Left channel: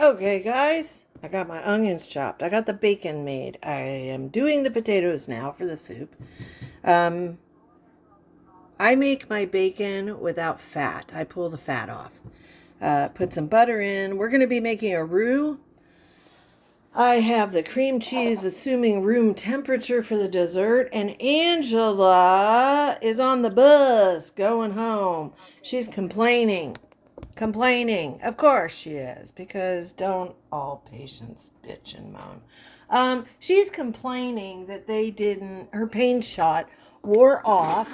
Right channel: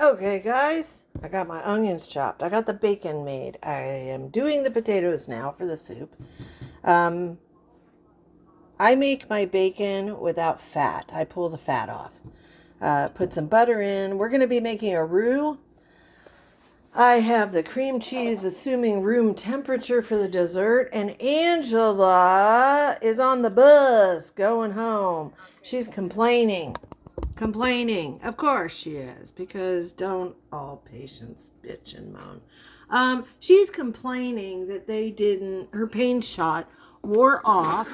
Okay, guys, I got my onions chopped. I got the bacon made. I am doing the potatoes now for the soup. Um, I make my bacon without fat. I pull the fat off. Put some butter in. We're going to be making a roux. I have the cream cheese, assuming room temperature for the dessert, and Angela is on the bus going home. She's complaining. Complaining. Of course she is, because don't all patients bitch and moan. She's complaining that her pain shot wore off.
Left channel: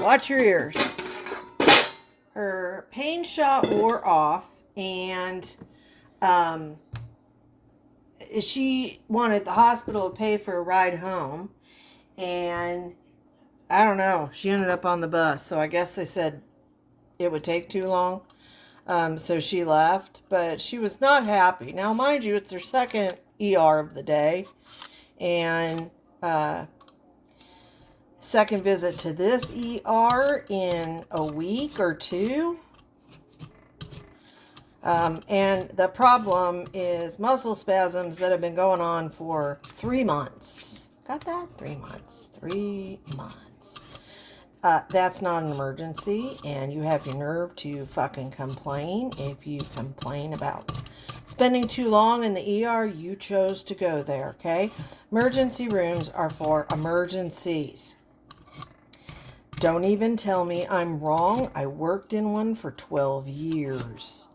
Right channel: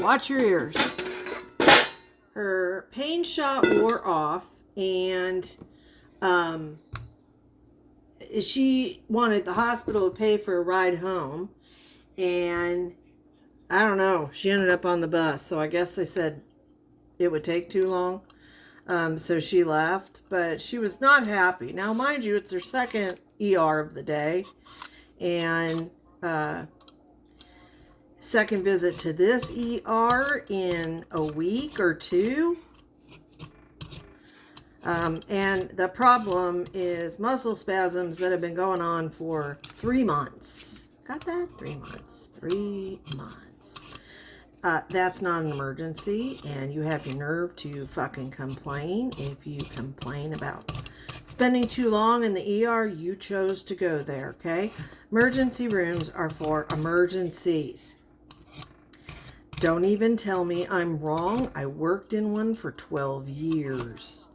Watch your ears. Her pain shot wore off, and um, she wanted the hospital to pay for a ride home. And I don't know, she ended up on the bus. So I guess they said it would take too long. So she left, but she was not happy. Now, mind you, it's her second ER of the day, and second visit to this ER in a week or two. And the problem is muscle spasms that have been going on for 3 months. Got that? 3 months. 3 months. That's not an emergency, and you have your nerve to fucking complain. If you complain about spending too long in the ER, you chose to go there, okay? Emergency rooms are for emergencies. Don't even tell me I'm wrong. I worked in one for 12 years.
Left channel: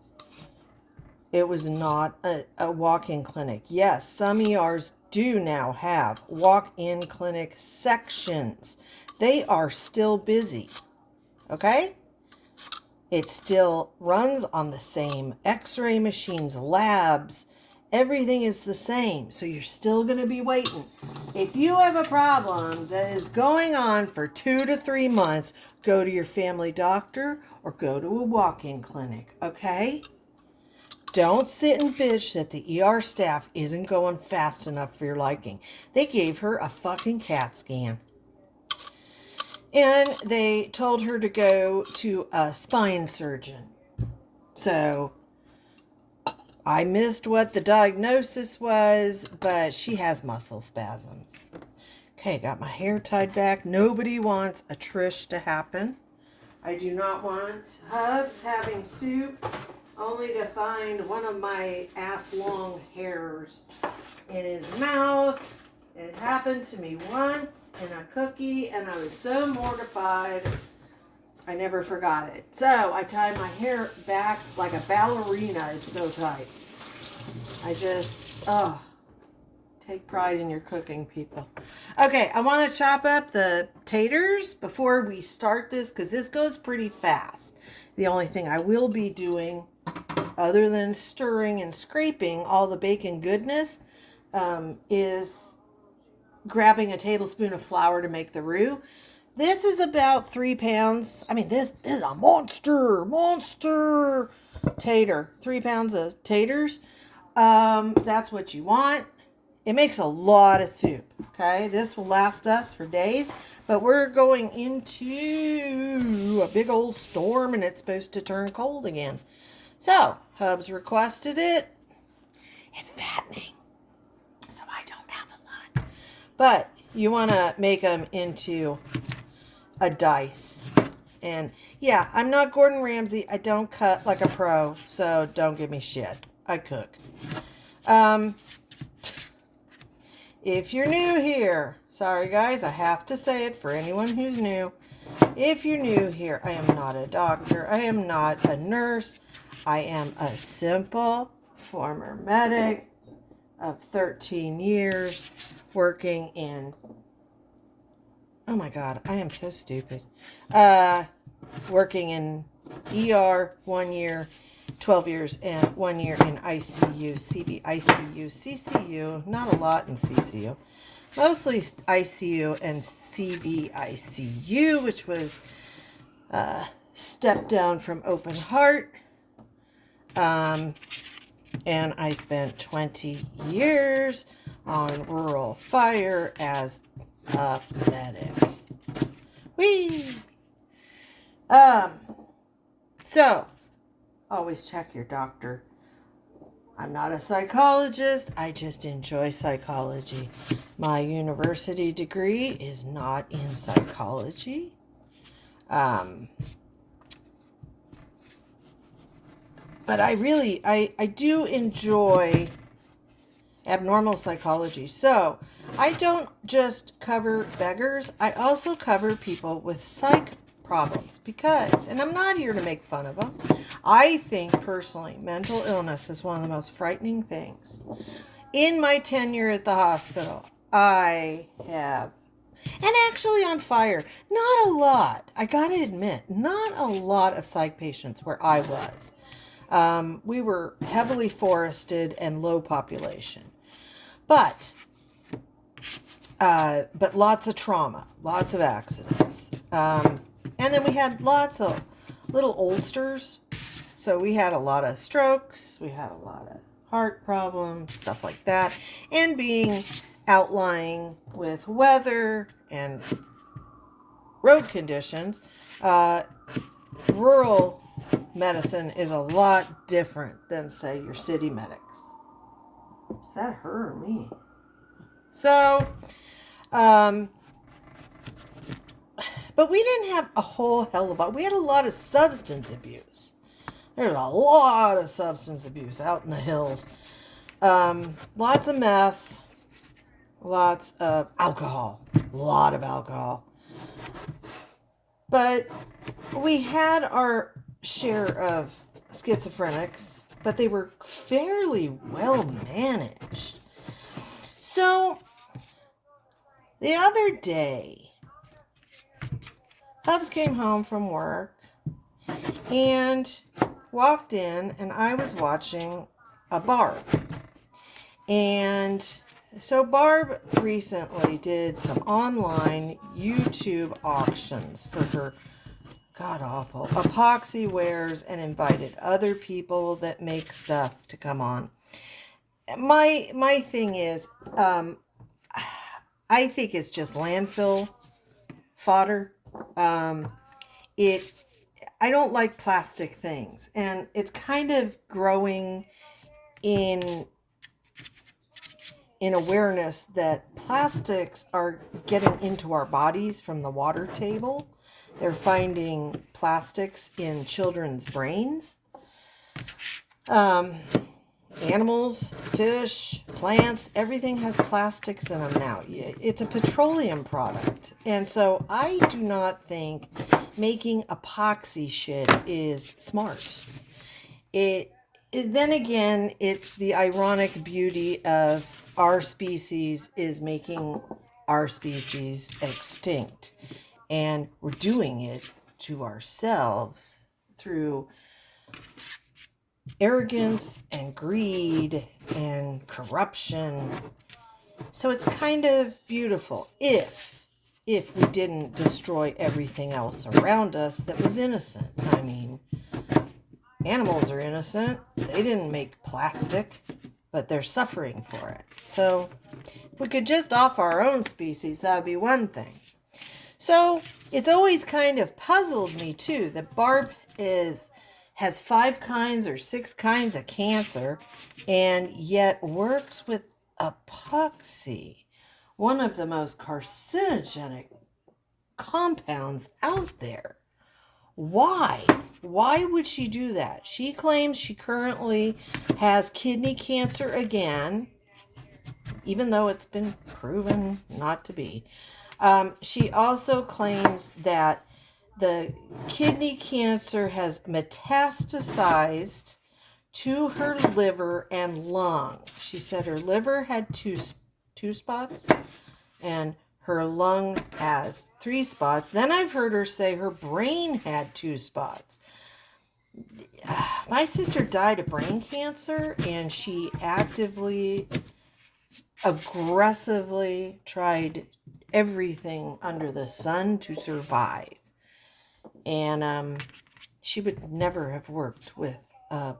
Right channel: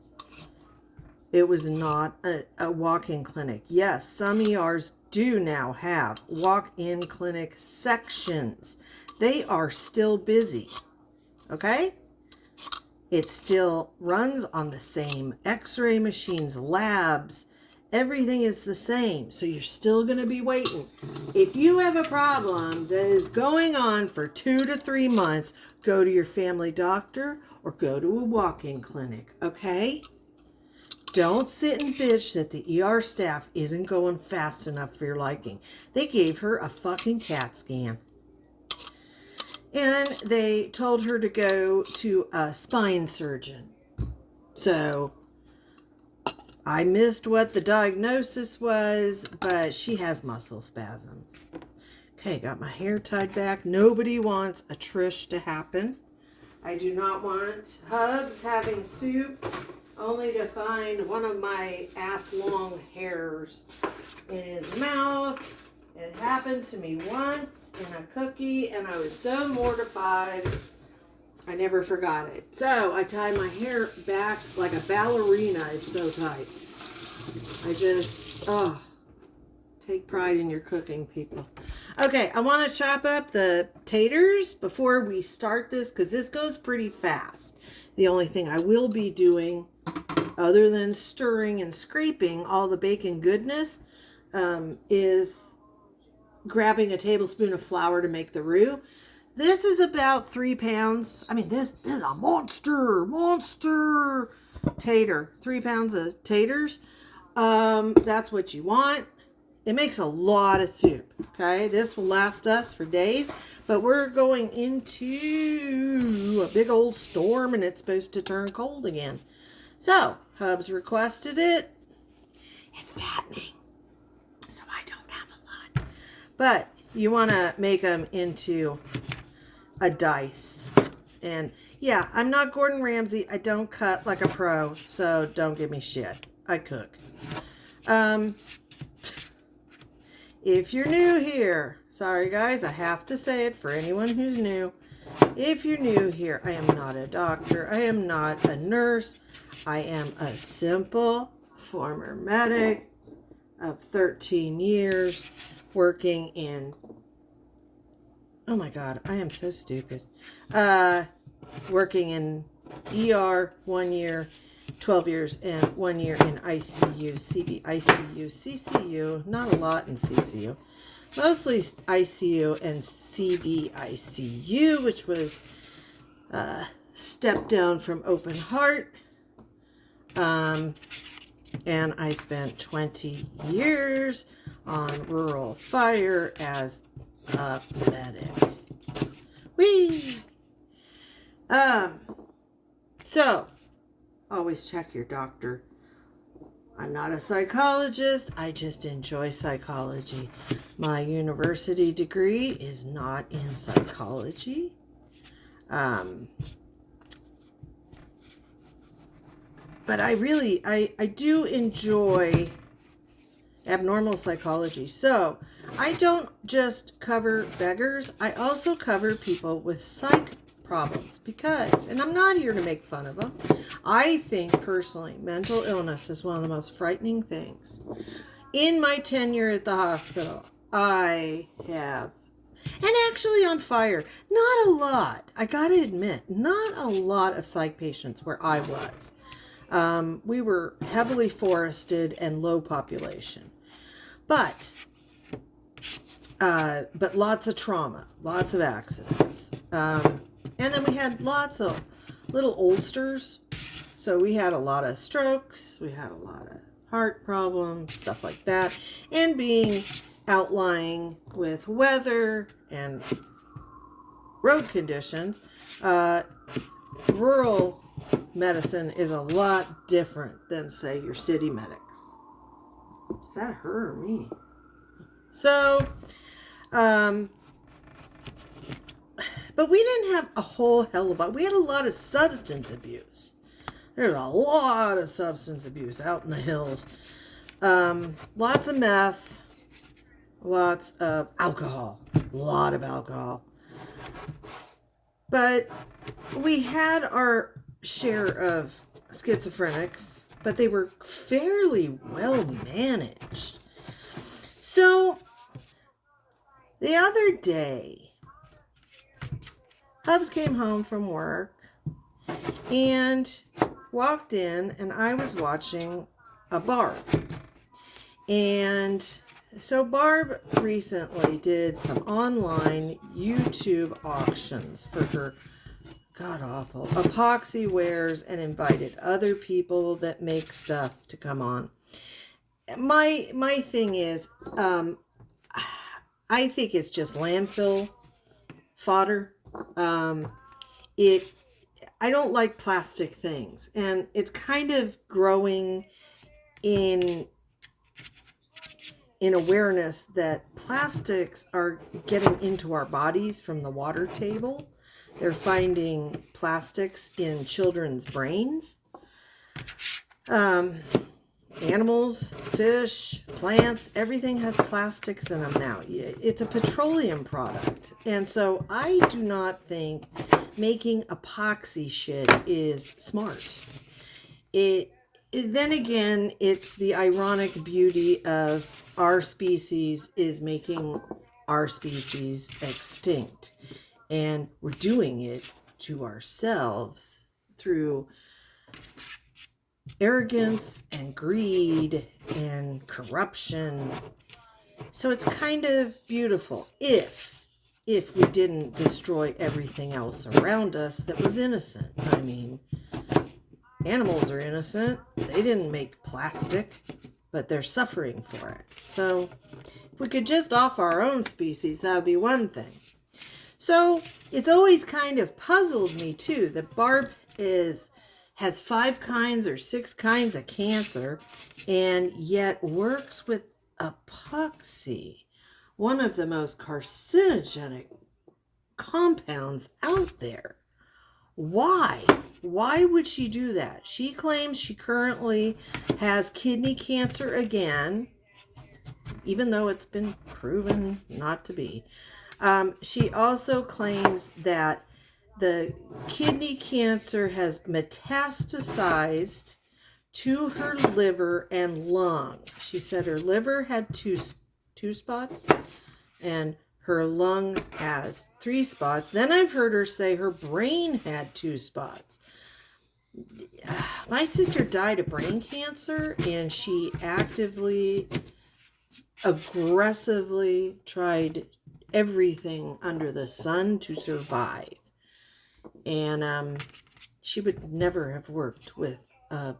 It was not a walk-in clinic. Yes, some ERs do now have walk-in clinic sections. They are still busy, okay? It still runs on the same x-ray machines, labs. Everything is the same, so you're still going to be waiting. If you have a problem that is going on for 2 to 3 months, go to your family doctor or go to a walk-in clinic, okay? Don't sit and bitch that the ER staff isn't going fast enough for your liking. They gave her a fucking CAT scan. And they told her to go to a spine surgeon. So I missed what the diagnosis was, but she has muscle spasms. Okay, got my hair tied back. Nobody wants a Trish to happen. I do not want Hubs having soup only to find one of my ass-long hairs in his mouth. It happened to me once in a cookie, and I was so mortified, I never forgot it. So I tied my hair back like a ballerina. It's so tight. I just, take pride in your cooking, people. Okay, I want to chop up the taters before we start this, because this goes pretty fast. The only thing I will be doing, other than stirring and scraping all the bacon goodness, is grabbing a tablespoon of flour to make the roux. This is about 3 pounds. I mean, this is a monster tater. 3 pounds of taters. That's what you want. It makes a lot of soup, okay? This will last us for days, but we're going into a big old storm, and it's supposed to turn cold again. So, Hubs requested it. It's fattening, so I don't have a lot. But you want to make them into a dice. And yeah, I'm not Gordon Ramsay. I don't cut like a pro, so don't give me shit. I cook. If you're new here, sorry guys, I have to say it for anyone who's new. If you're new here, I am not a doctor. I am not a nurse. I am a simple former medic of 13 years working in, oh my God, I am so stupid. Working in ER 1 year, 12 years, and 1 year in ICU, CBICU, CCU, not a lot in CCU. Mostly ICU and CBICU, which was step down from open heart. And I spent 20 years on rural fire as a medic. Whee! So, always check your doctor I'm not a psychologist. I just enjoy psychology. My university degree is not in psychology. But I do enjoy abnormal psychology. So I don't just cover beggars. I also cover people with psych problems because, and I'm not here to make fun of them. I think personally, mental illness is one of the most frightening things. In my tenure at the hospital, I have, and actually on fire, not a lot. I gotta admit, not a lot of psych patients where I was. We were heavily forested and low population, but lots of trauma, lots of accidents, and then we had lots of little oldsters. So we had a lot of strokes, we had a lot of heart problems, stuff like that, and being outlying with weather and road conditions, rural medicine is a lot different than, say, your city medics. Is that her or me? So, but we didn't have a whole hell of a lot. We had a lot of substance abuse. There's a lot of substance abuse out in the hills. Lots of meth, lots of alcohol, a lot of alcohol. But we had our share of schizophrenics, but they were fairly well managed. So the other day, Hubs came home from work and walked in, and I was watching a Barb. And so Barb recently did some online YouTube auctions for her god-awful epoxy wares and invited other people that make stuff to come on. My thing is, I think it's just landfill fodder. I don't like plastic things, and it's kind of growing in awareness that plastics are getting into our bodies from the water table. They're finding plastics in children's brains. Animals, fish, plants, everything has plastics in them now. It's a petroleum product. And so I do not think making epoxy shit is smart. Then again, it's the ironic beauty of our species is making our species extinct. And we're doing it to ourselves through arrogance and greed and corruption. So it's kind of beautiful if we didn't destroy everything else around us that was innocent. I mean, animals are innocent. They didn't make plastic, but they're suffering for it. So if we could just off our own species, that would be one thing. So it's always kind of puzzled me too that Barb has 5 kinds or 6 kinds of cancer and yet works with epoxy, one of the most carcinogenic compounds out there. Why? Why would she do that? She claims she currently has kidney cancer again, even though it's been proven not to be. She also claims that the kidney cancer has metastasized to her liver and lung. She said her liver had two spots and her lung has 3 spots. Then I've heard her say her brain had 2 spots. My sister died of brain cancer, and she aggressively tried everything under the sun to survive. And she would never have worked with a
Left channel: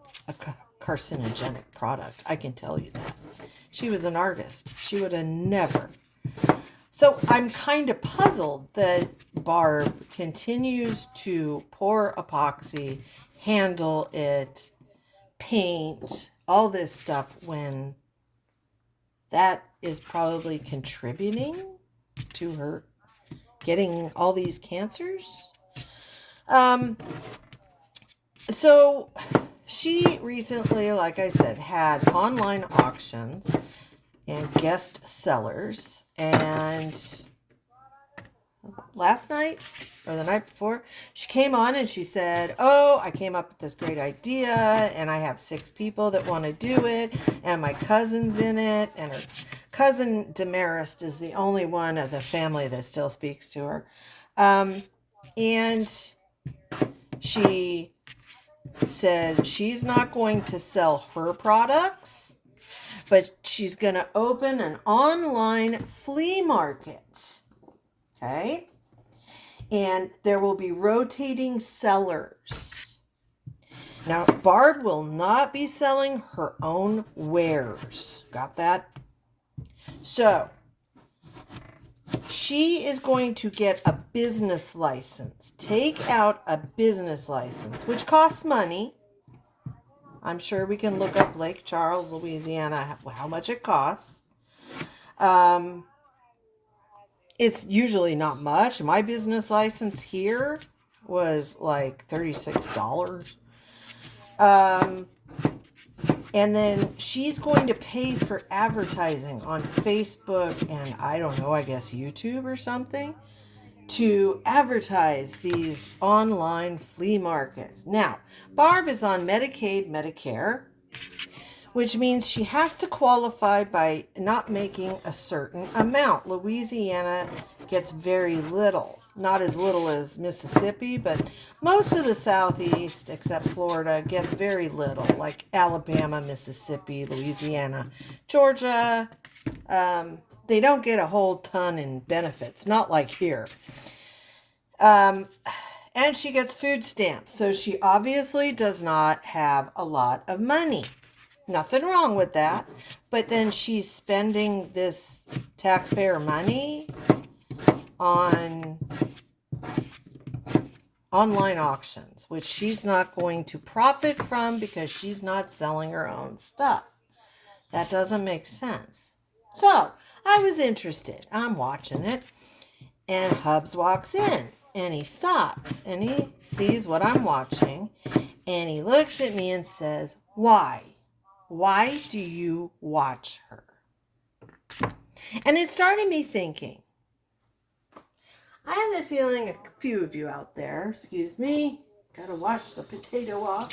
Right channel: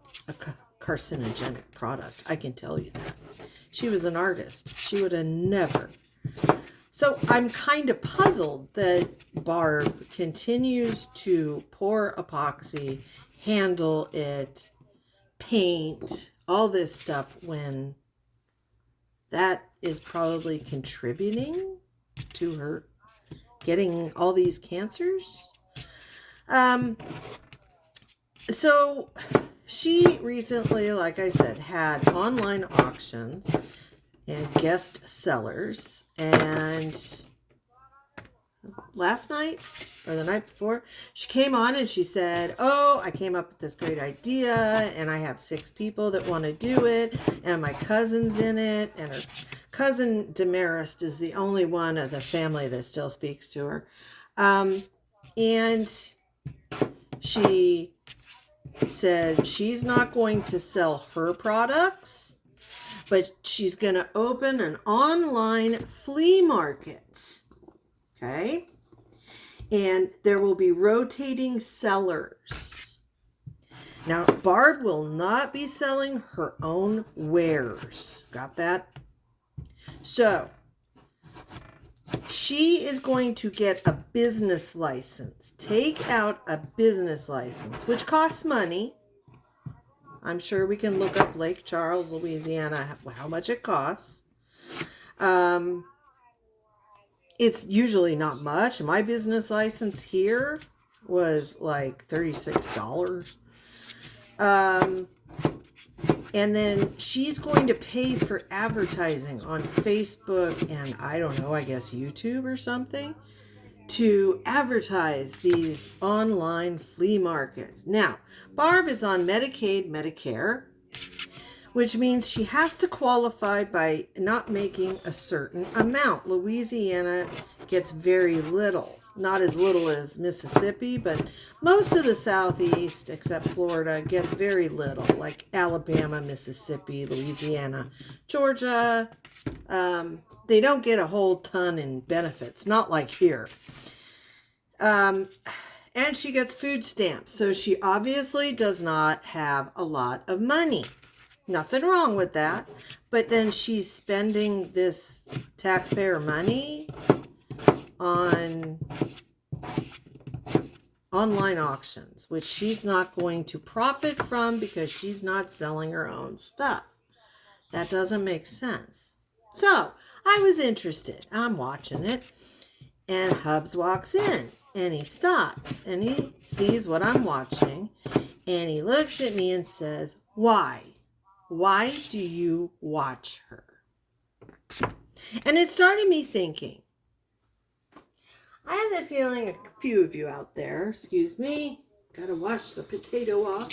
carcinogenic product. I can tell you that. She was an artist. She would have never. So I'm kind of puzzled that Barb continues to pour epoxy, handle it, paint, all this stuff when that is probably contributing to her getting all these cancers. So she recently, like I said, had online auctions and guest sellers. And last night or the night before, she came on and she said, oh, I came up with this great idea and I have 6 people that want to do it and my cousin's in it, and her cousin Demarest is the only one of the family that still speaks to her. And she said she's not going to sell her products, but she's going to open an online flea market. Okay? And there will be rotating sellers. Now, Barb will not be selling her own wares. Got that? So, she is going to get a business license. Take out a business license, which costs money. I'm sure we can look up Lake Charles, Louisiana, how much it costs. It's usually not much. My business license here was like $36. And then she's going to pay for advertising on Facebook and I don't know, I guess YouTube or something to advertise these online flea markets. Now, Barb is on Medicaid, Medicare, which means she has to qualify by not making a certain amount. Louisiana gets very little. Not as little as Mississippi, but most of the Southeast, except Florida, gets very little. Like Alabama, Mississippi, Louisiana, Georgia. They don't get a whole ton in benefits. Not like here. And she gets food stamps. So she obviously does not have a lot of money. Nothing wrong with that. But then she's spending this taxpayer money on online auctions, which she's not going to profit from because she's not selling her own stuff. That doesn't make sense. So I was interested. I'm watching it. And Hubs walks in and he stops and he sees what I'm watching. And he looks at me and says, why? Why do you watch her? And it started me thinking. I have the feeling a few of you out there, excuse me, gotta wash the potato off.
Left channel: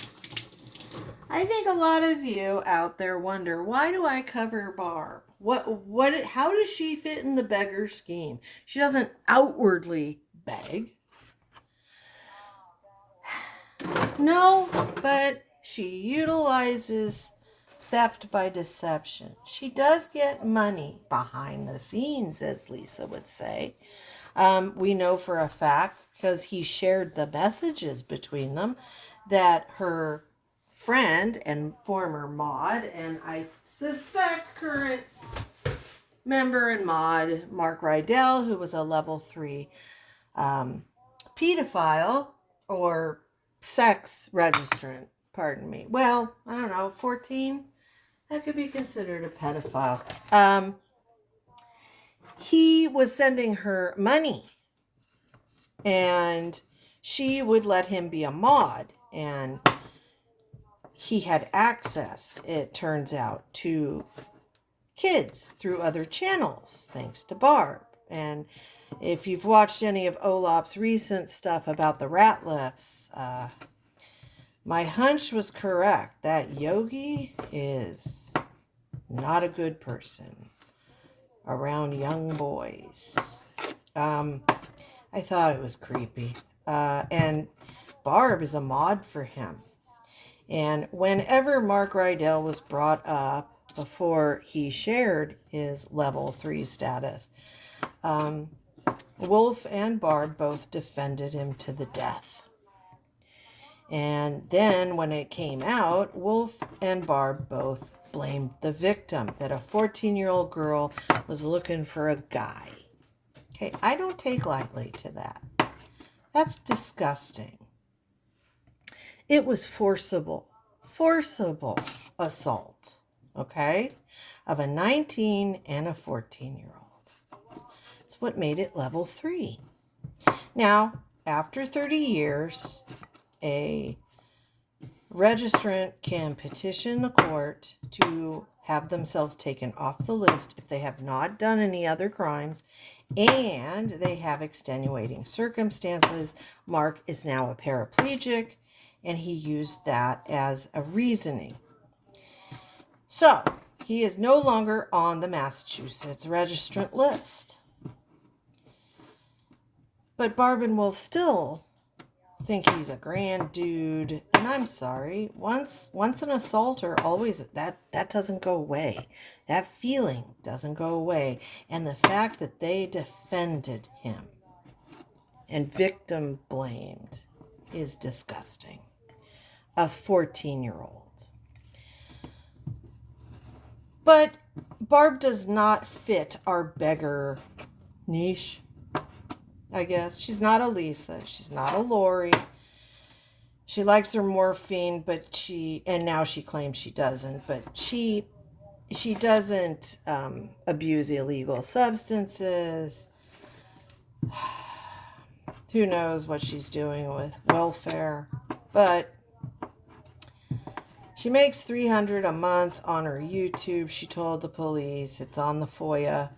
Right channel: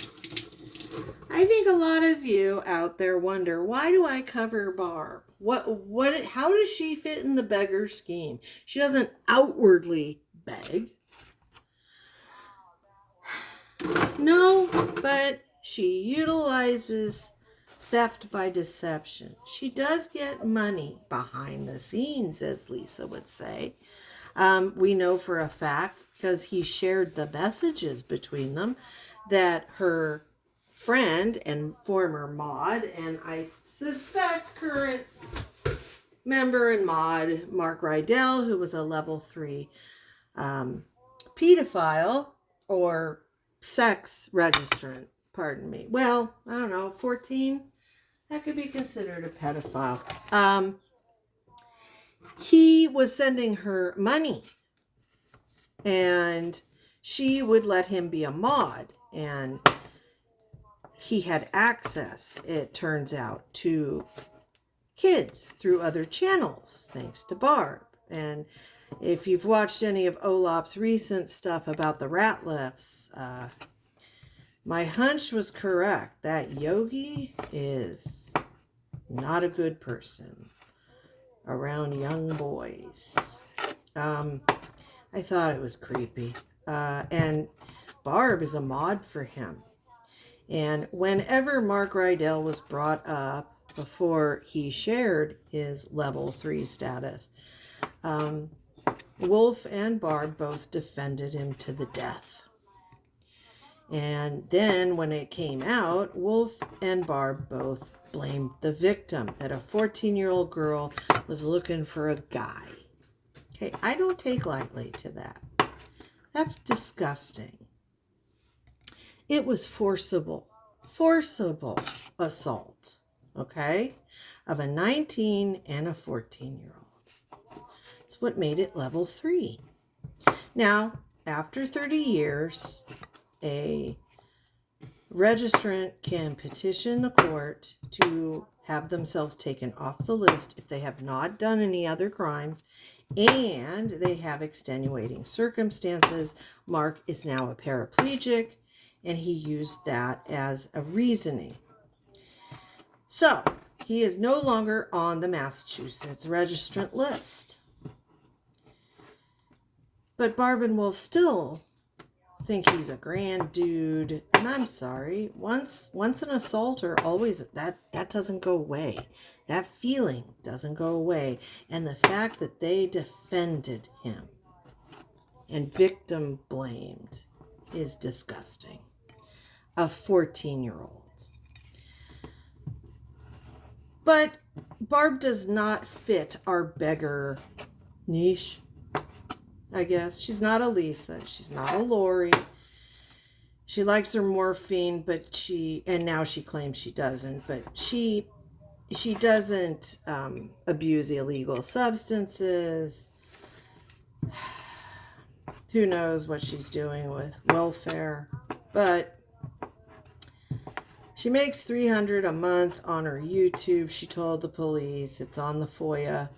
I think a lot of you out there wonder, why do I cover Barb? How does she fit in the beggar scheme? She doesn't outwardly beg. No, but she utilizes theft by deception. She does get money behind the scenes, as Lisa would say. We know for a fact, because he shared the messages between them, that her friend and former mod, and I suspect current member and mod, Mark Rydell, who was a level 3 pedophile or sex registrant, pardon me. Well, I don't know, 14? That could be considered a pedophile. He was sending her money and she would let him be a mod, and he had access, it turns out, to kids through other channels, thanks to Barb. And if you've watched any of Olap's recent stuff about the rat lifts, my hunch was correct. That Yogi is not a good person around young boys. I thought it was creepy. And Barb is a mod for him. And whenever Mark Rydell was brought up before he shared his level 3 status, Wolf and Barb both defended him to the death. And then when it came out, Wolf and Barb both blamed the victim, that a 14-year-old girl was looking for a guy. Okay, I don't take lightly to that. That's disgusting. It was forcible. forcible assault, okay, of a 19 and a 14-year-old. It's what made it level 3. Now, after 30 years, a registrant can petition the court to have themselves taken off the list if they have not done any other crimes and they have extenuating circumstances. Mark is now a paraplegic, and he used that as a reasoning. So, he is no longer on the Massachusetts registrant list. But Barb and Wolf still think he's a grand dude, and I'm sorry, once an assaulter, always that doesn't go away. That feeling doesn't go away. And the fact that they defended him and victim blamed is disgusting. A 14-year-old. But Barb does not fit our beggar niche, I guess. She's not a Lisa. She's not a Lori. She likes her morphine, and now she claims she doesn't, but she doesn't abuse illegal substances. Who knows what she's doing with welfare, but she makes $300 a month on her YouTube. She told the police. It's on the FOIA.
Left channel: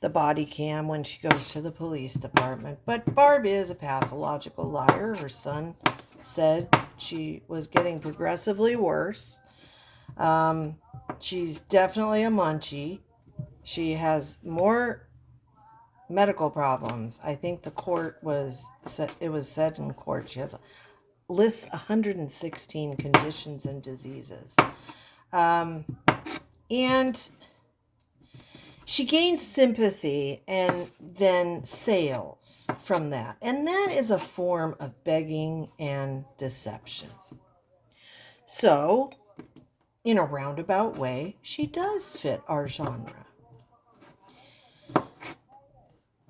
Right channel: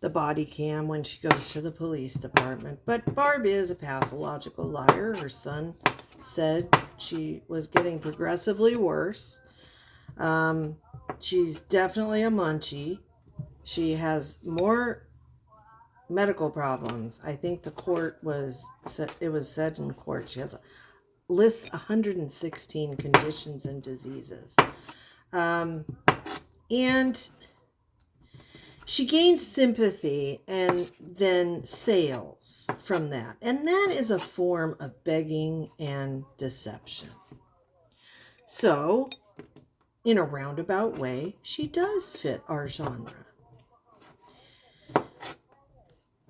The body cam when she goes to the police department. But Barb is a pathological liar. Her son said she was getting progressively worse. She's definitely a munchie. She has more medical problems. I think it was said in court she has lists 116 conditions and diseases. And she gains sympathy and then sales from that. And that is a form of begging and deception. So, in a roundabout way, she does fit our genre.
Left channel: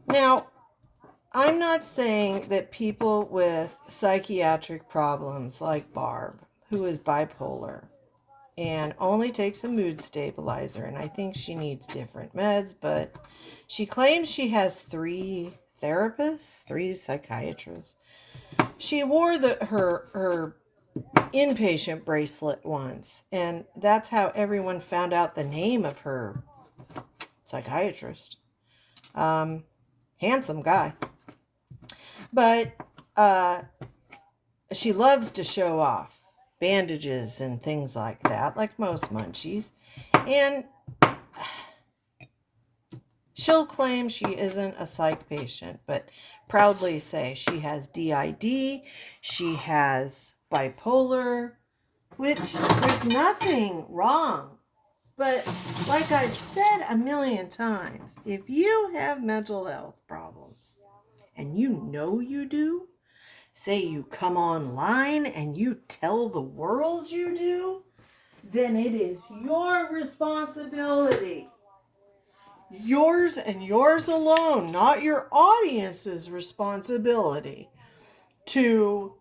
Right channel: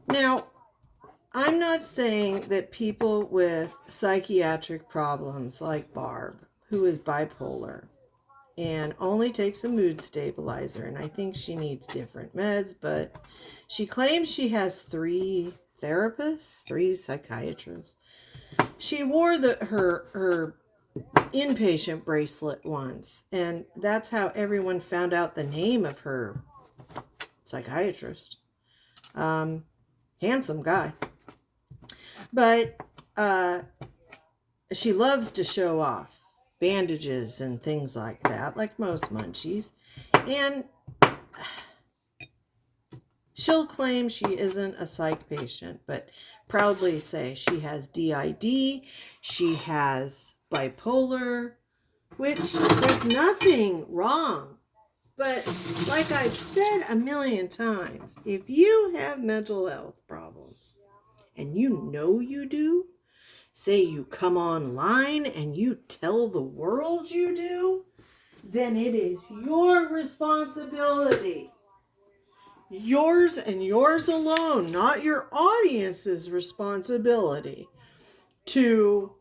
Now, I'm not saying that people with psychiatric problems like Barb, who is bipolar, and only takes a mood stabilizer, and I think she needs different meds, but she claims she has 3 therapists, 3 psychiatrists. She wore her inpatient bracelet once, and that's how everyone found out the name of her psychiatrist. Handsome guy. But she loves to show off bandages and things like that, like most munchies. And she'll claim she isn't a psych patient, but proudly say she has DID, she has bipolar, which there's nothing wrong. But like I've said a million times, if you have mental health problems, and you know you do, say you come online and you tell the world you do, then it is your responsibility. Yours and yours alone, not your audience's responsibility, to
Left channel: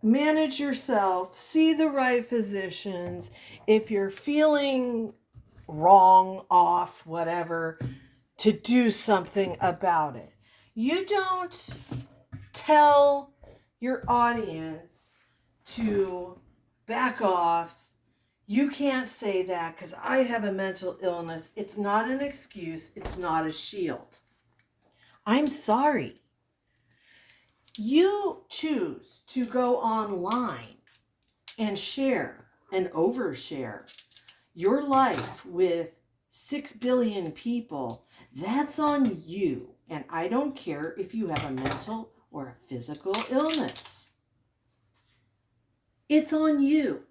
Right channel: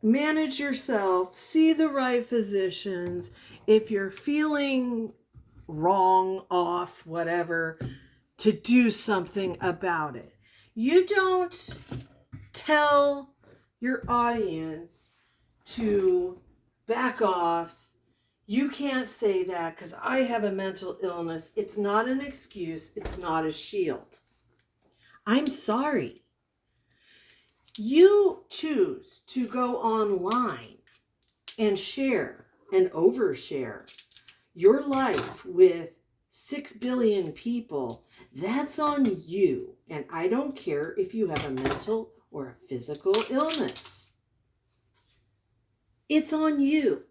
manage yourself, see the right physicians. If you're feeling wrong, off, whatever, to do something about it. You don't tell your audience to back off. You can't say that because I have a mental illness. It's not an excuse. It's not a shield. I'm sorry. You choose to go online and share and overshare your life with 6 billion people. That's on you. And I don't care if you have a mental or a physical illness. It's on you.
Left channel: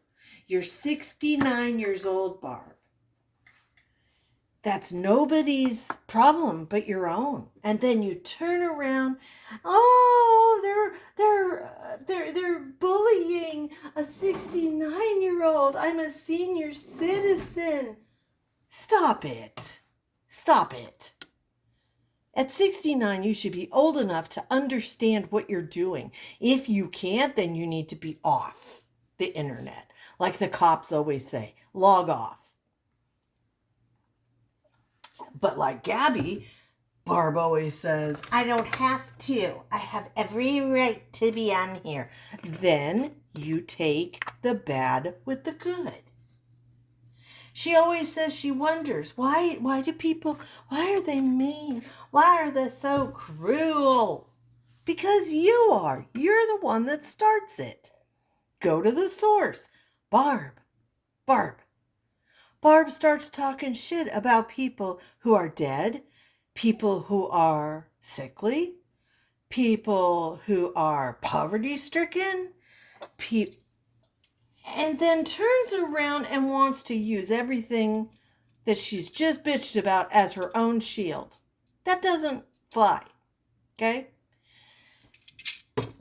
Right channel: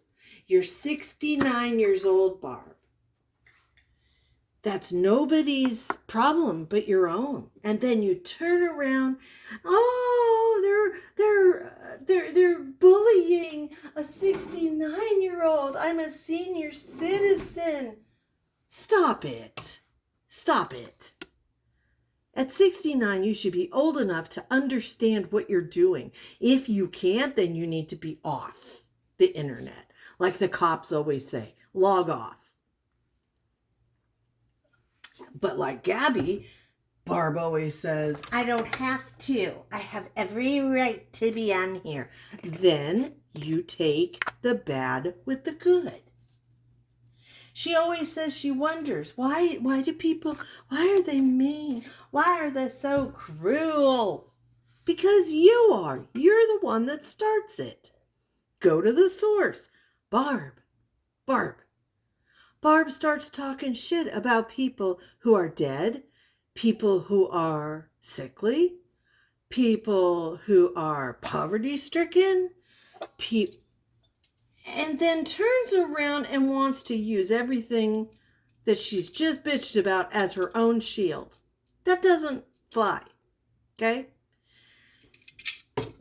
You're 69 years old, Barb. That's nobody's problem but your own. And then you turn around, oh, they're bullying a 69-year-old. I'm a senior citizen. Stop it. Stop it. At 69, you should be old enough to understand what you're doing. If you can't, then you need to be off the internet. Like the cops always say, log off. But like Gabby, Barb always says, I don't have to. I have every right to be on here. Then you take the bad with the good. She always says she wonders, why do people, why are they mean? Why are they so cruel? Because you are. You're the one that starts it. Go to the source. Barb. Barb starts talking shit about people who are dead, people who are sickly, people who are poverty-stricken, and then turns around and wants to use everything that she's just bitched about as her own shield. That doesn't fly, okay?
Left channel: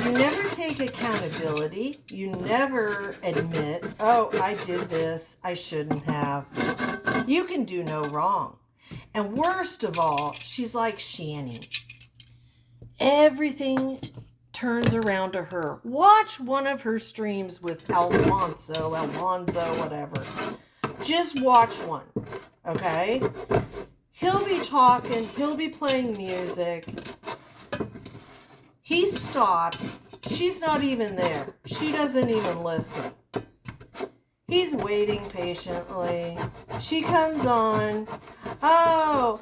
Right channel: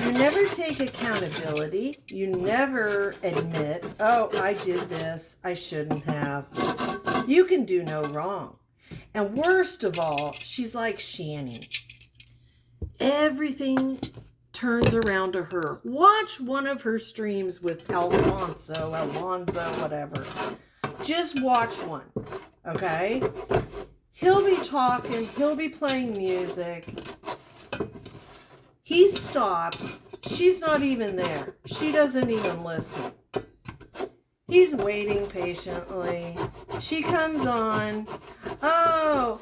You never take accountability. You never admit, oh, I did this, I shouldn't have. You can do no wrong. And worst of all, she's like Shani. Everything turns around to her. Watch one of her streams with Alonzo, whatever. Just watch one, okay? He'll be talking, he'll be playing music. He stops. She's not even there. She doesn't even listen. He's waiting patiently. She comes on. Oh,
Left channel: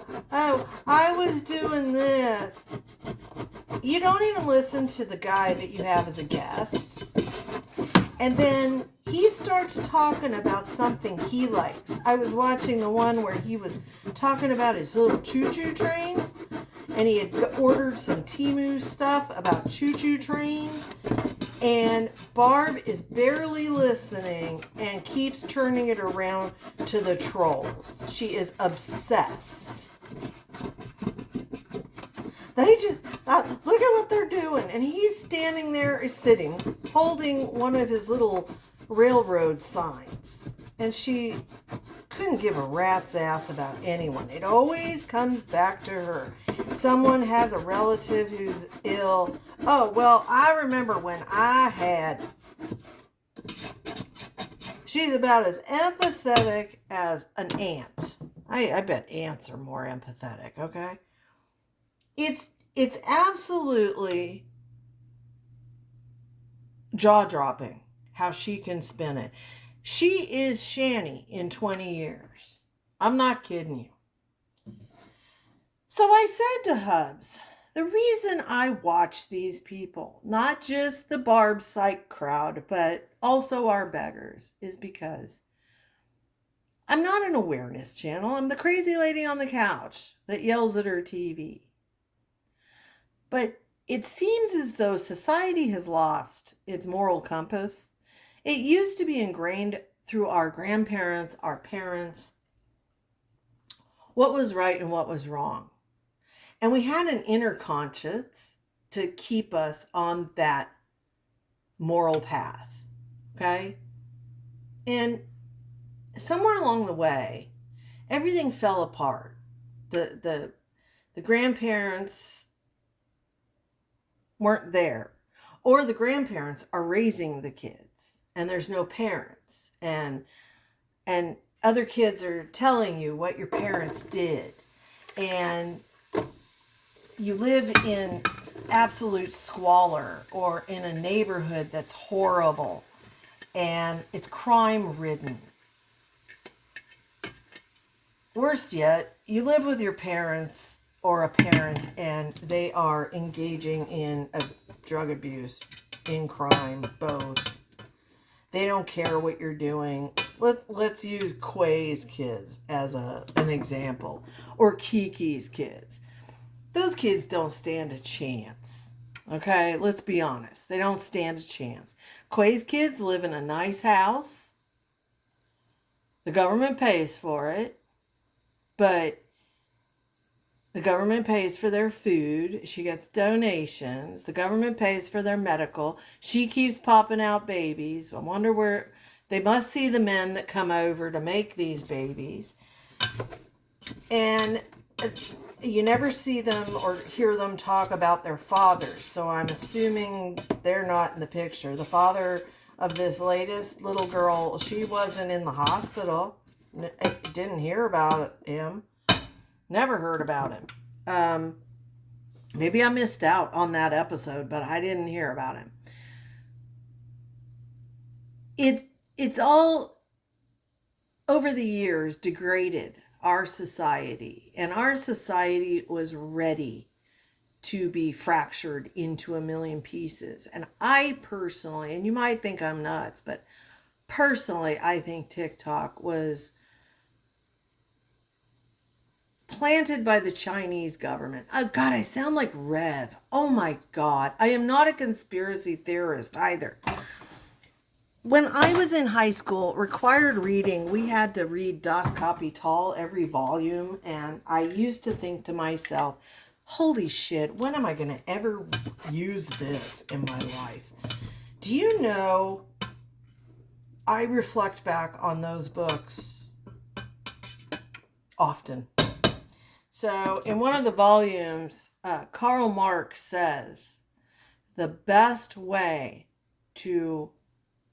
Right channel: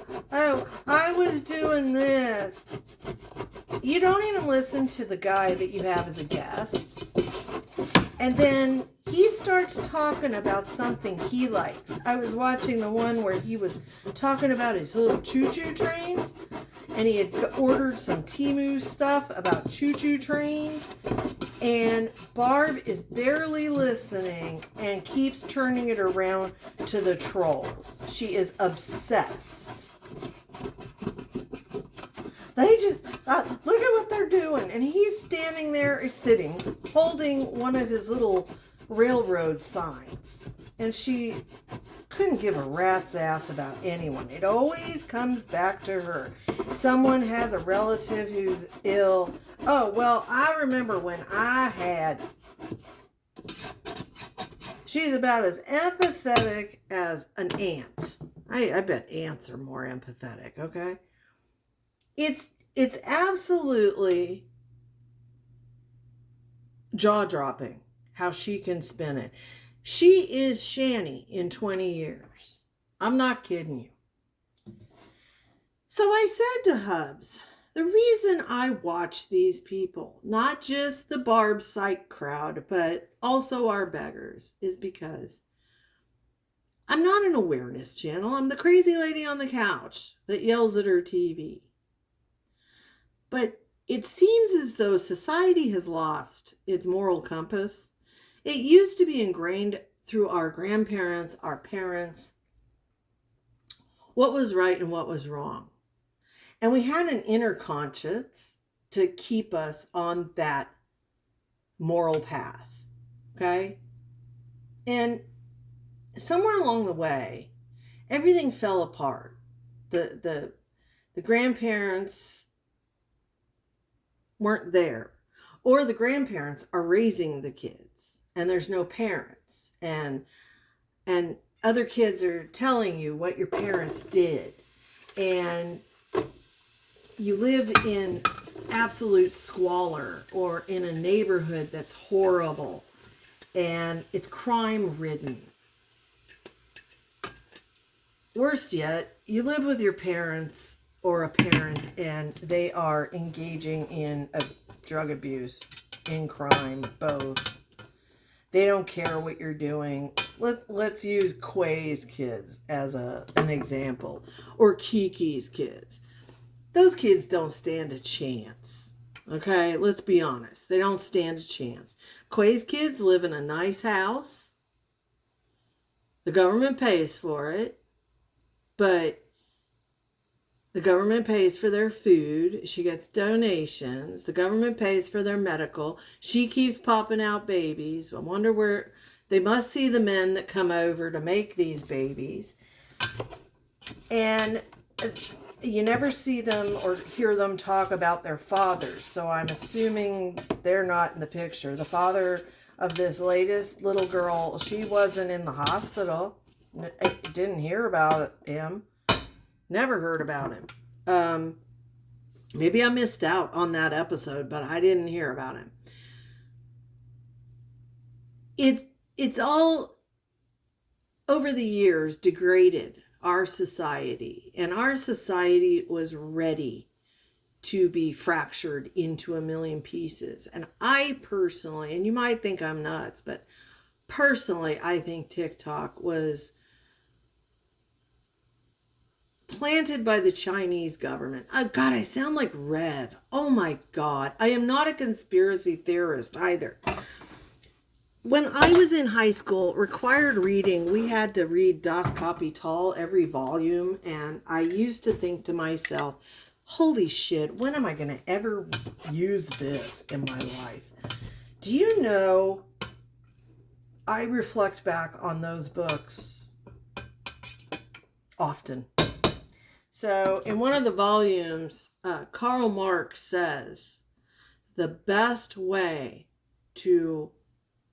I was doing this. You don't even listen to the guy that you have as a guest. And then he starts talking about something he likes. I was watching the one where he was talking about his little choo-choo trains. And he had ordered some Temu stuff about choo-choo trains. And Barb is barely listening and keeps turning it around to the trolls. She is obsessed. They just, look at what they're doing. And he's standing there, sitting, holding one of his little railroad signs. And she couldn't give a rat's ass about anyone. It always comes back to her. Someone has a relative who's ill. Oh, well, I remember when I had. She's about as empathetic as an ant. I bet ants are more empathetic, okay? It's absolutely jaw-dropping how she can spin it. She is Shani in 20 years. I'm not kidding you. So I said to Hubs, the reason I watch these people, not just the Barb psych crowd, but also our beggars, is because I'm not an awareness channel. I'm the crazy lady on the couch that yells at her TV. But it seems as though society has lost its moral compass. It used to be ingrained through our grandparents, our parents, what was right and what was wrong. And we had an inner conscience to keep us on that moral path, okay? And somewhere along the way, everything fell apart. The grandparents weren't there, or the grandparents are raising the kids and there's no parents, and other kids are telling you what your parents did, and you live in absolute squalor or in a neighborhood that's horrible and it's crime ridden. Worst yet, you live with your parents or a parent and they are engaging in a drug abuse, in crime, both. They don't care what you're doing. Let's use Quay's kids as an example, or Kiki's kids. Those kids don't stand a chance. Okay, let's be honest. They don't stand a chance. Quay's kids live in a nice house. The government pays for it, but the government pays for their food. She gets donations. The government pays for their medical. She keeps popping out babies. I wonder where they must see the men that come over to make these babies. And you never see them or hear them talk about their fathers. So I'm assuming they're not in the picture. The father of this latest little girl, she wasn't in the hospital. Didn't hear about him. Never heard about him. Maybe I missed out on that episode, but I didn't hear about him. It's all over the years degraded our society, and our society was ready to be fractured into a million pieces. And I personally, and you might think I'm nuts, but personally, I think TikTok was planted by the Chinese government. Oh God, I sound like Rev. Oh my God. I am not a conspiracy theorist either. When I was in high school, required reading, we had to read Das Kapital, every volume, and I used to think to myself, holy shit, when am I going to ever use this in my life? Do you know, I reflect back on those books often. So in one of the volumes, Karl Marx says, the best way to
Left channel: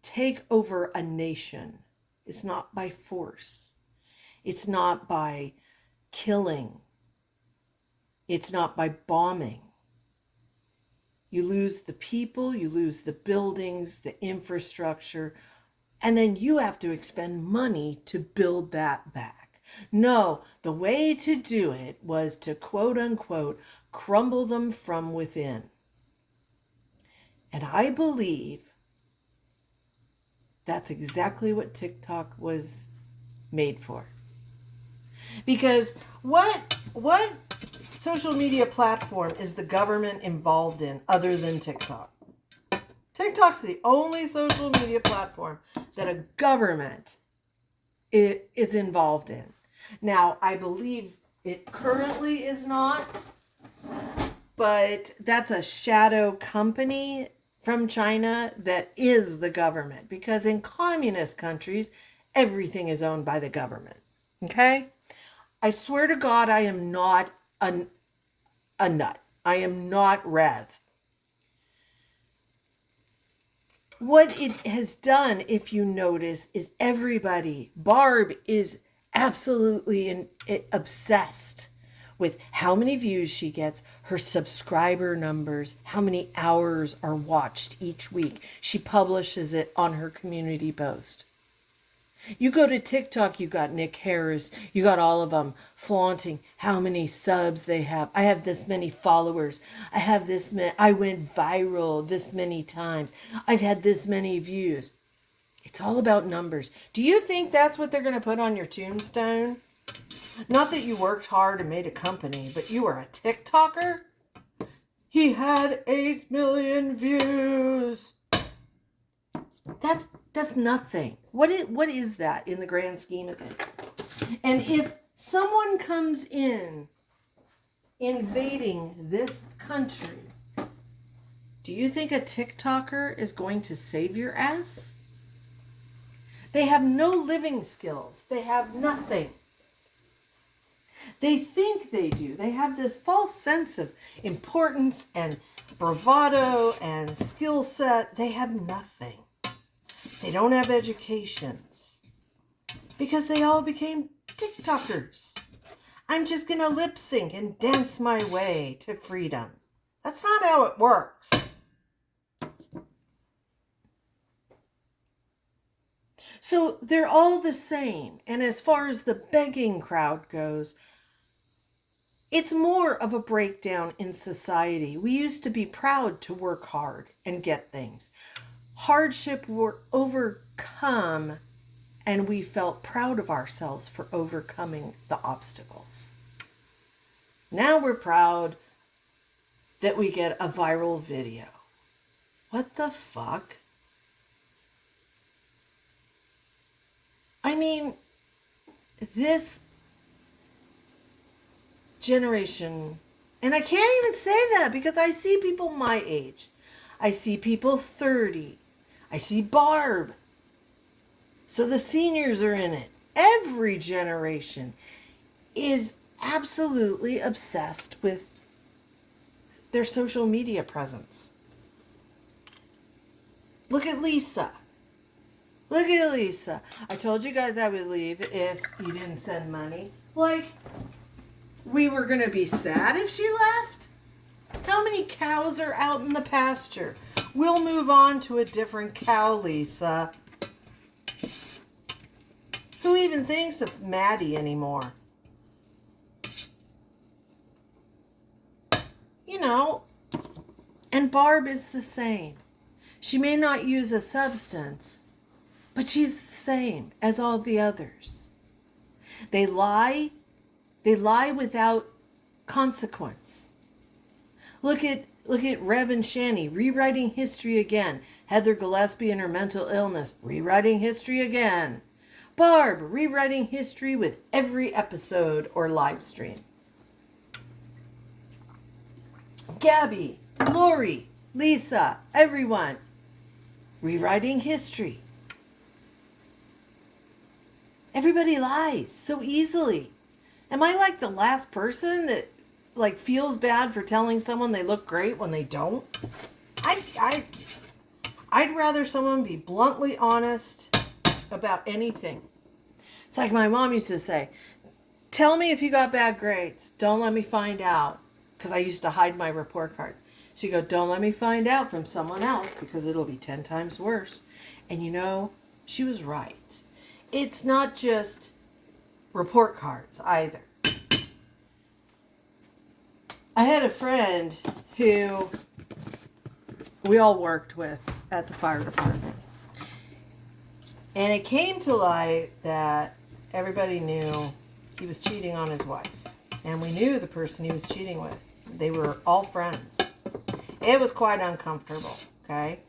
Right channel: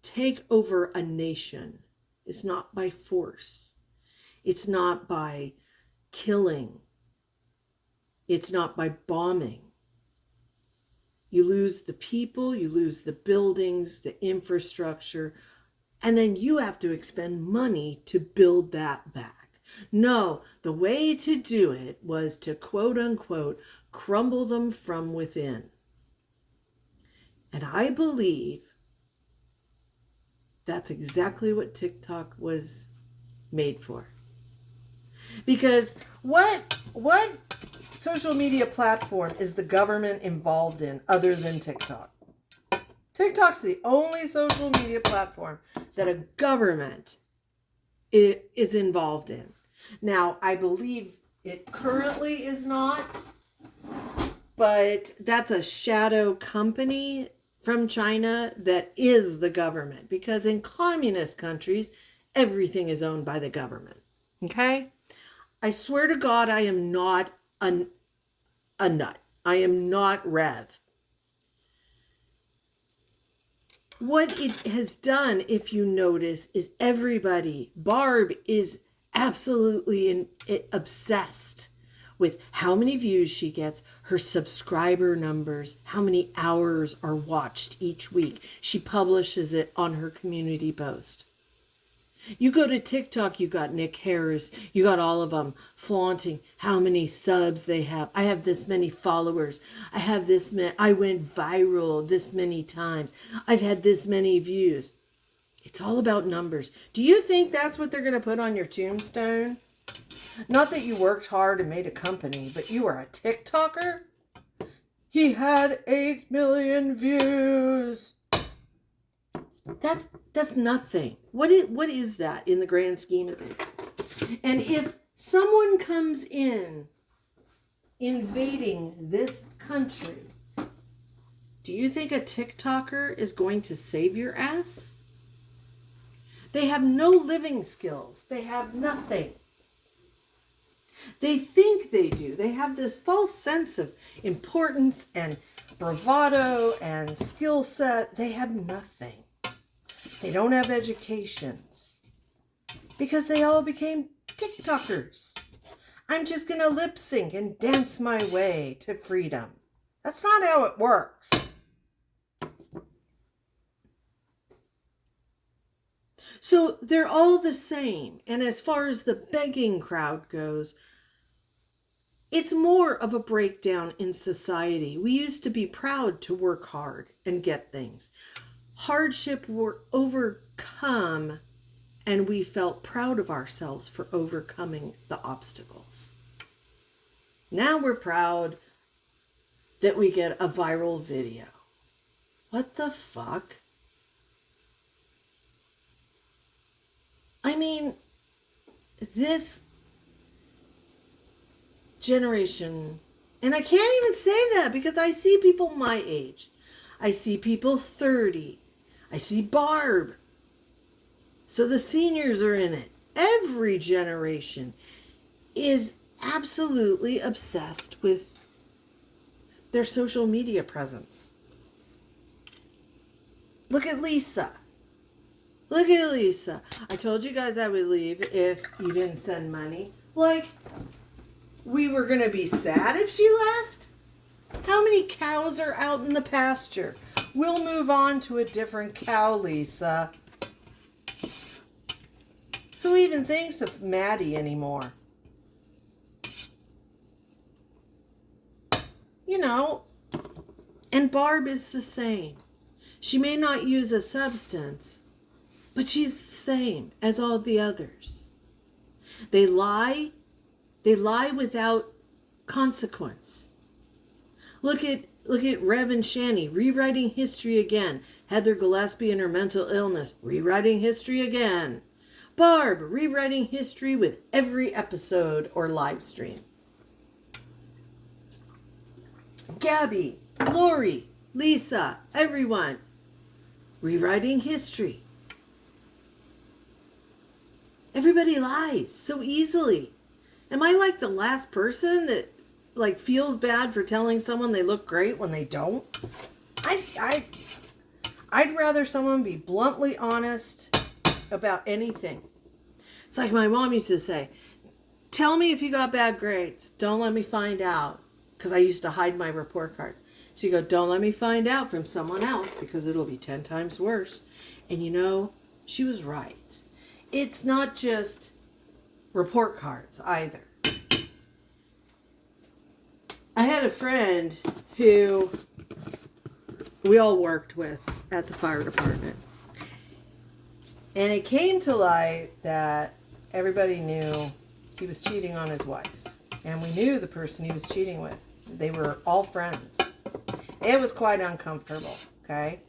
take over a nation is not by force. It's not by killing. It's not by bombing. You lose the people, you lose the buildings, the infrastructure, and then you have to expend money to build that back. No, the way to do it was to quote unquote crumble them from within. And I believe that's exactly what TikTok was made for. Because what social media platform is the government involved in other than TikTok? TikTok's the only social media platform that a government is involved in. Now, I believe it currently is not, but that's a shadow company from China that is the government, because in communist countries, everything is owned by the government. Okay? I swear to God, I am not a nut. I am not Rev. What it has done, if you notice, is everybody, Barb is absolutely obsessed with how many views she gets, her subscriber numbers, how many hours are watched each week. She publishes it on her community post. You go to TikTok, you got Nick Harris, you got all of them flaunting how many subs they have. I have this many followers. I have this many, I went viral this many times. I've had this many views. It's all about numbers. Do you think that's what they're going to put on your tombstone? Not that you worked hard and made a company, but you were a TikToker? He had 8 million views. That's nothing. What is that in the grand scheme of things? And if someone comes in invading this country, do you think a TikToker is going to save your ass? They have no living skills. They have nothing. They think they do. They have this false sense of importance and bravado and skill set. They have nothing. They don't have educations because they all became TikTokers. I'm just going to lip sync and dance my way to freedom. That's not how it works. So they're all the same. And as far as the begging crowd goes, it's more of a breakdown in society. We used to be proud to work hard and get things. Hardship were overcome, and we felt proud of ourselves for overcoming the obstacles. Now we're proud that we get a viral video. What the fuck? I mean, this generation, and I can't even say that because I see people my age. I see people 30. I see Barb. So the seniors are in it. Every generation is absolutely obsessed with their social media presence. Look at Lisa. Look at Lisa. I told you guys I would leave if you didn't send money. Like, we were going to be sad if she left? How many cows are out in the pasture? We'll move on to a different cow, Lisa. Who even thinks of Maddie anymore? You know, and Barb is the same. She may not use a substance, but she's the same as all the others. They lie without consequence. Look at Rev and Shani rewriting history again. Heather Gillespie and her mental illness rewriting history again. Barb rewriting history with every episode or live stream. Gabby, Lori, Lisa, everyone rewriting history. Everybody lies so easily. Am I like the last person that like feels bad for telling someone they look great when they don't? I'd rather someone be bluntly honest about anything. It's like my mom used to say, tell me if you got bad grades. Don't let me find out. Because I used to hide my report cards. She'd go, don't let me find out from someone else because it'll be 10 times worse. And you know, she was right. It's not just report cards either. I had a friend who we all worked with at the fire department. And it came to light that everybody knew he was cheating on his wife. And we knew the person he was cheating with. They were all friends. It was quite uncomfortable, okay?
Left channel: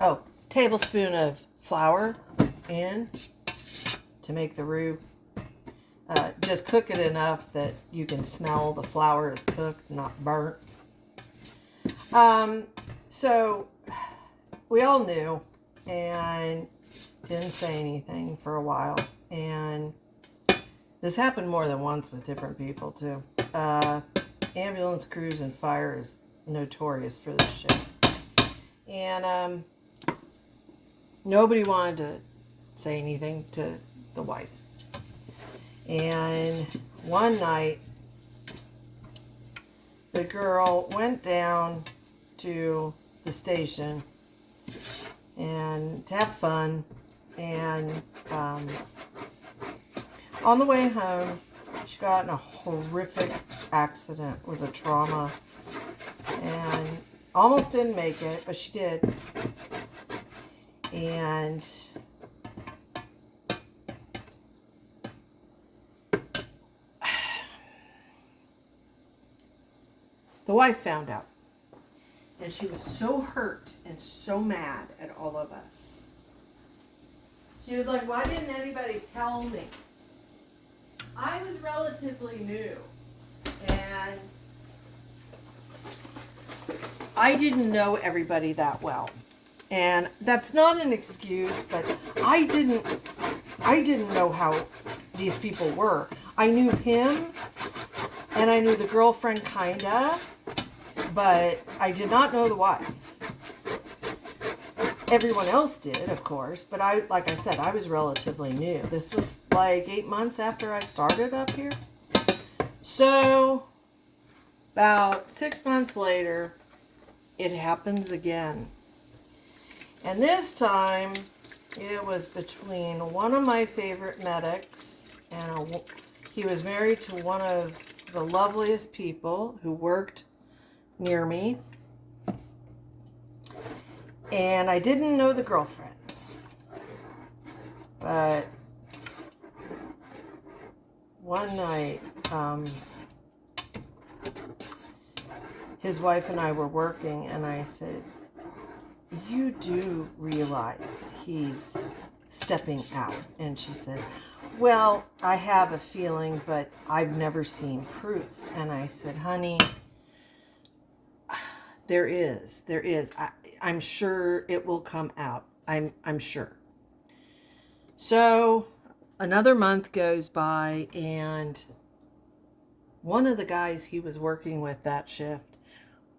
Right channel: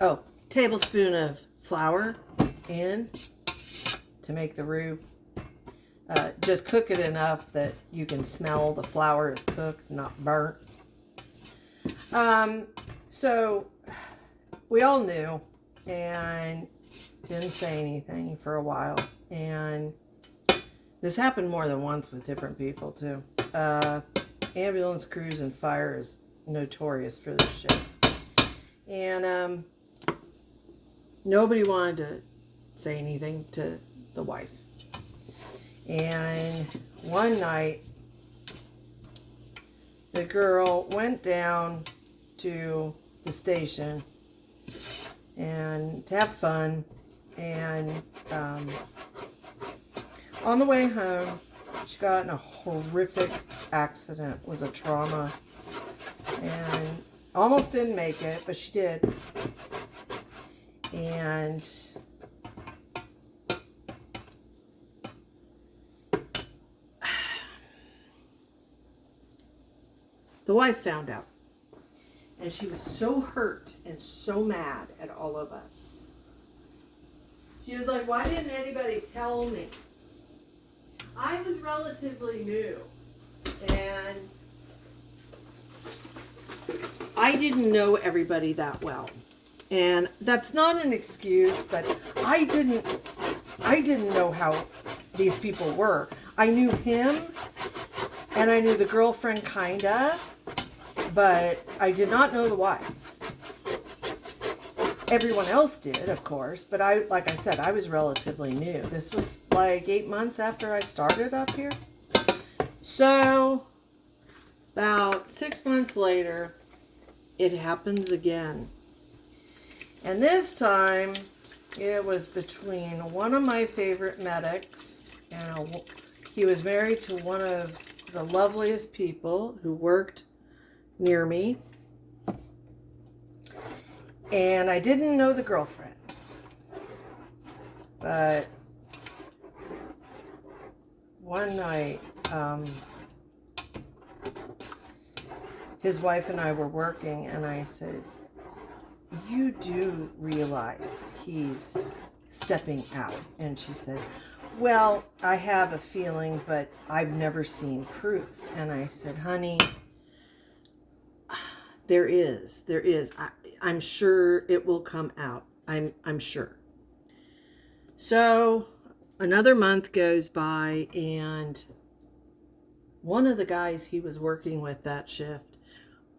Oh, tablespoon of flour in to make the roux. Just cook it enough that you can smell the flour is cooked, not burnt. So we all knew and didn't say anything for a while. And this happened more than once with different people too. Ambulance crews and fire is notorious for this shit. And nobody wanted to say anything to the wife. And one night, the girl went down to the station and to have fun. And on the way home, she got in a horrific accident. It was a trauma. And almost didn't make it, but she did. And the wife found out. And she was so hurt and so mad at all of us. She was like, why didn't anybody tell me? I was relatively new. And I didn't know everybody that well. And that's not an excuse, but I didn't know how these people were. I knew him, and I knew the girlfriend kinda, but I did not know the wife. Everyone else did, of course, but like I said, I was relatively new. This was like 8 months after I started up here. So, about 6 months later, it happens again. And this time, it was between one of my favorite medics, and he was married to one of the loveliest people who worked near me. And I didn't know the girlfriend. But one night, his wife and I were working, and I said, you do realize he's stepping out? And she said, well, I have a feeling, but I've never seen proof. And I said, honey, there is. I'm sure it will come out. I'm sure. So another month goes by, and one of the guys he was working with that shift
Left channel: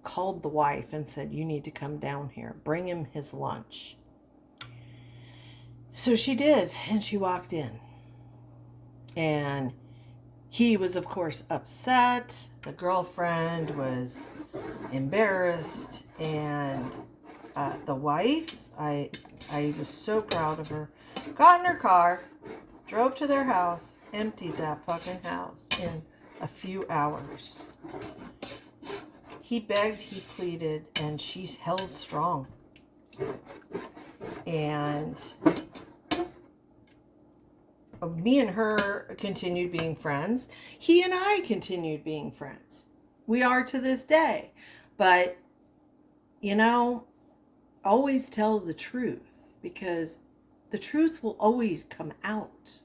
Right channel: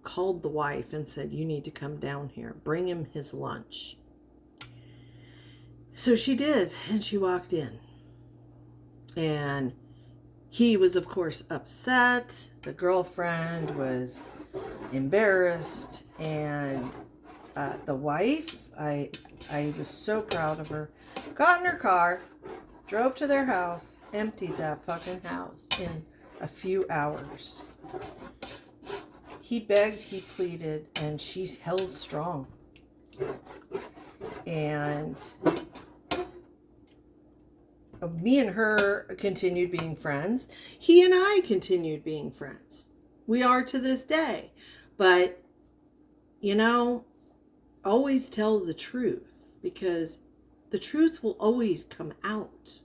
called the wife and said, "You need to come down here. Bring him his lunch." So she did, and she walked in. And he was, of course, upset. The girlfriend was embarrassed. And the wife, I was so proud of her, got in her car, drove to their house, emptied that fucking house in a few hours. He begged, he pleaded, and she's held strong. And me and her continued being friends. He and I continued being friends. We are to this day. But, always tell the truth, because the truth will always come out.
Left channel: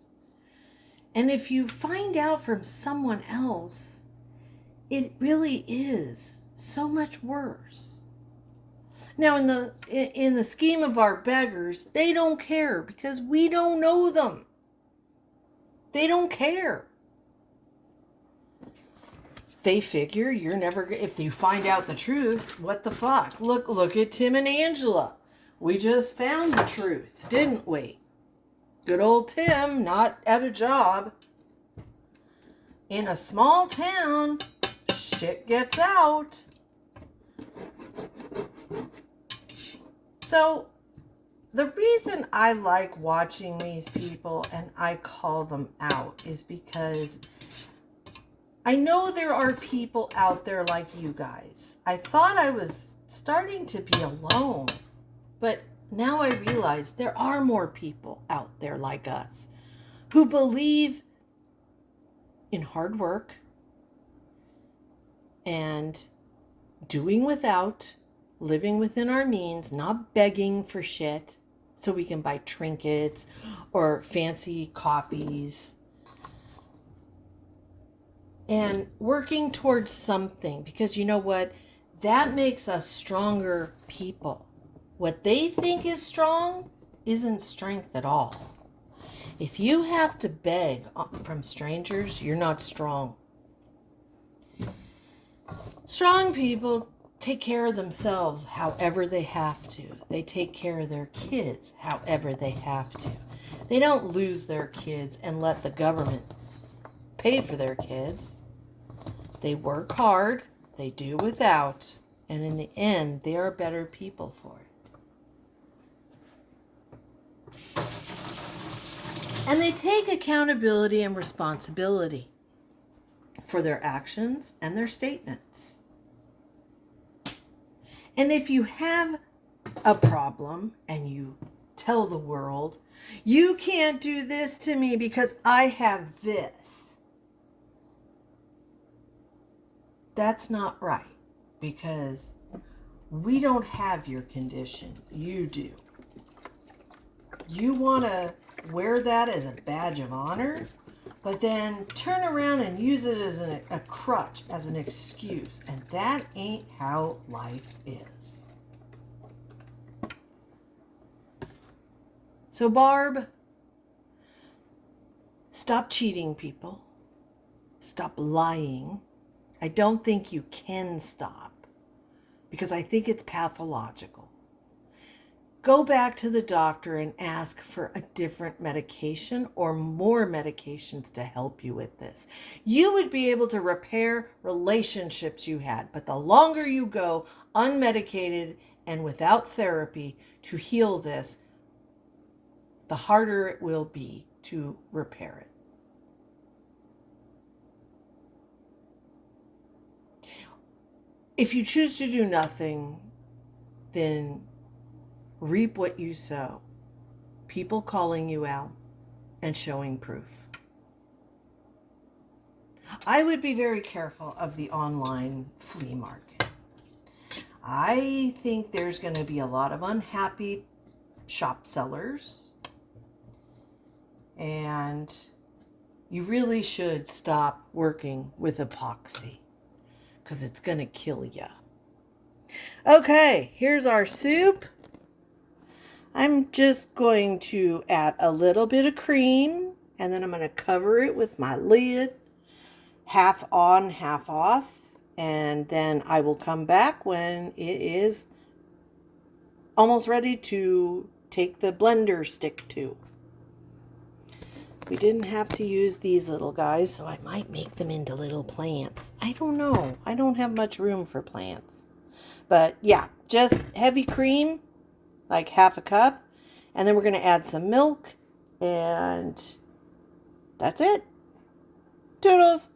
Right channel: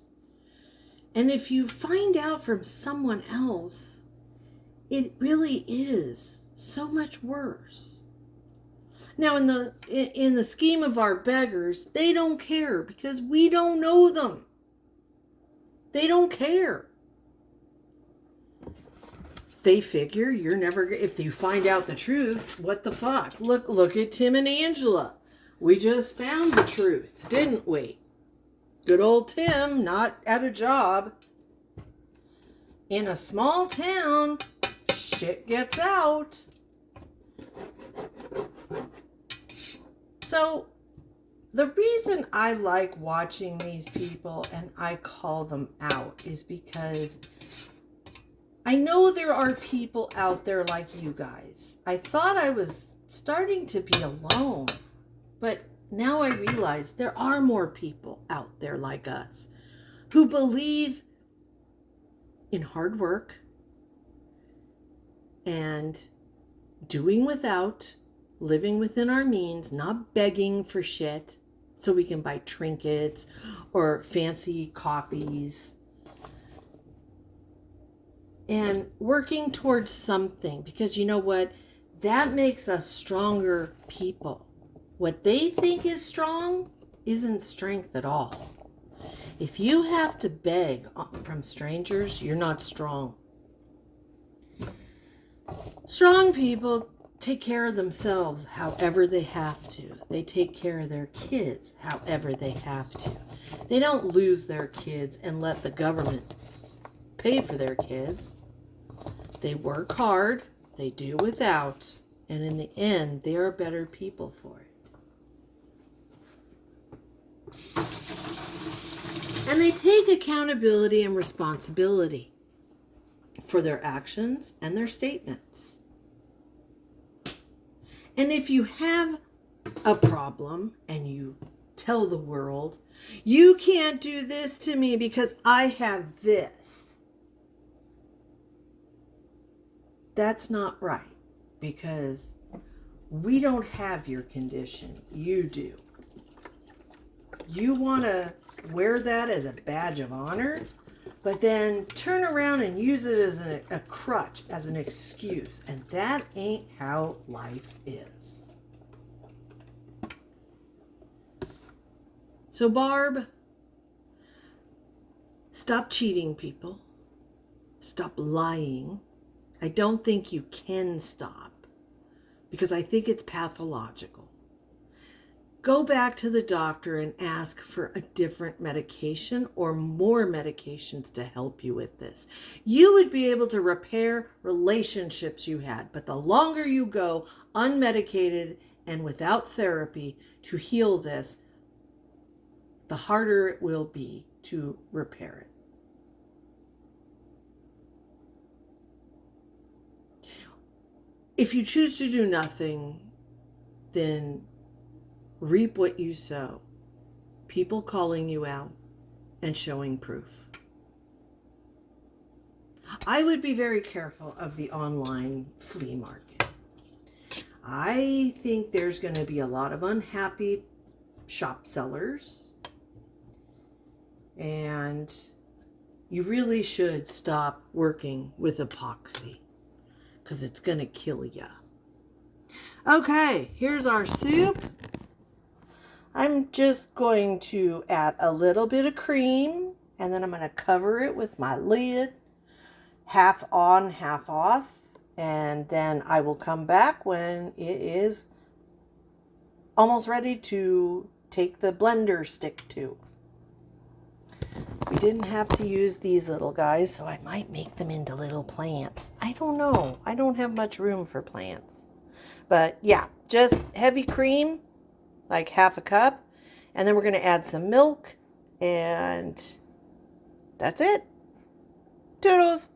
And if you find out from someone else, it really is so much worse. Now, in the scheme of our beggars, they don't care because we don't know them. They don't care. They figure you're never, if you find out the truth, what the fuck? Look at Tim and Angela. We just found the truth, didn't we? Good old Tim, not at a job. In a small town, shit gets out. So, the reason I like watching these people and I call them out is because I know there are people out there like you guys. I thought I was starting to be alone, but now I realize there are more people out there like us who believe in hard work and doing without, living within our means, not begging for shit so we can buy trinkets or fancy coffees. And working towards something, because you know what? That makes us stronger people. What they think is strong isn't strength at all. If you have to beg from strangers, you're not strong. Strong people take care of themselves however they have to. They take care of their kids however they have to. They don't lose their kids and let the government pay for their kids. They work hard, they do without, and in the end, they are better people for it. And they take accountability and responsibility for their actions and their statements. And if you have a problem and you tell the world, you can't do this to me because I have this, that's not right, because we don't have your condition. You do. You want to wear that as a badge of honor, but then turn around and use it as a crutch, as an excuse. And that ain't how life is. So, Barb, stop cheating people. Stop lying. I don't think you can stop, because I think it's pathological. Go back to the doctor and ask for a different medication or more medications to help you with this. You would be able to repair relationships you had, but the longer you go unmedicated and without therapy to heal this, the harder it will be to repair it. If you choose to do nothing, then reap what you sow. People calling you out and showing proof. I would be very careful of the online flea market. I think there's going to be a lot of unhappy shop sellers. And you really should stop working with epoxy, because it's going to kill you. Okay, here's our soup. I'm just going to add a little bit of cream and then I'm going to cover it with my lid, half on, half off, and then I will come back when it is almost ready to take the blender stick to. We didn't have to use these little guys, so I might make them into little plants. I don't know. I don't have much room for plants. But yeah, just heavy cream, like half a cup. And then we're going to add some milk. And that's it. Toodles!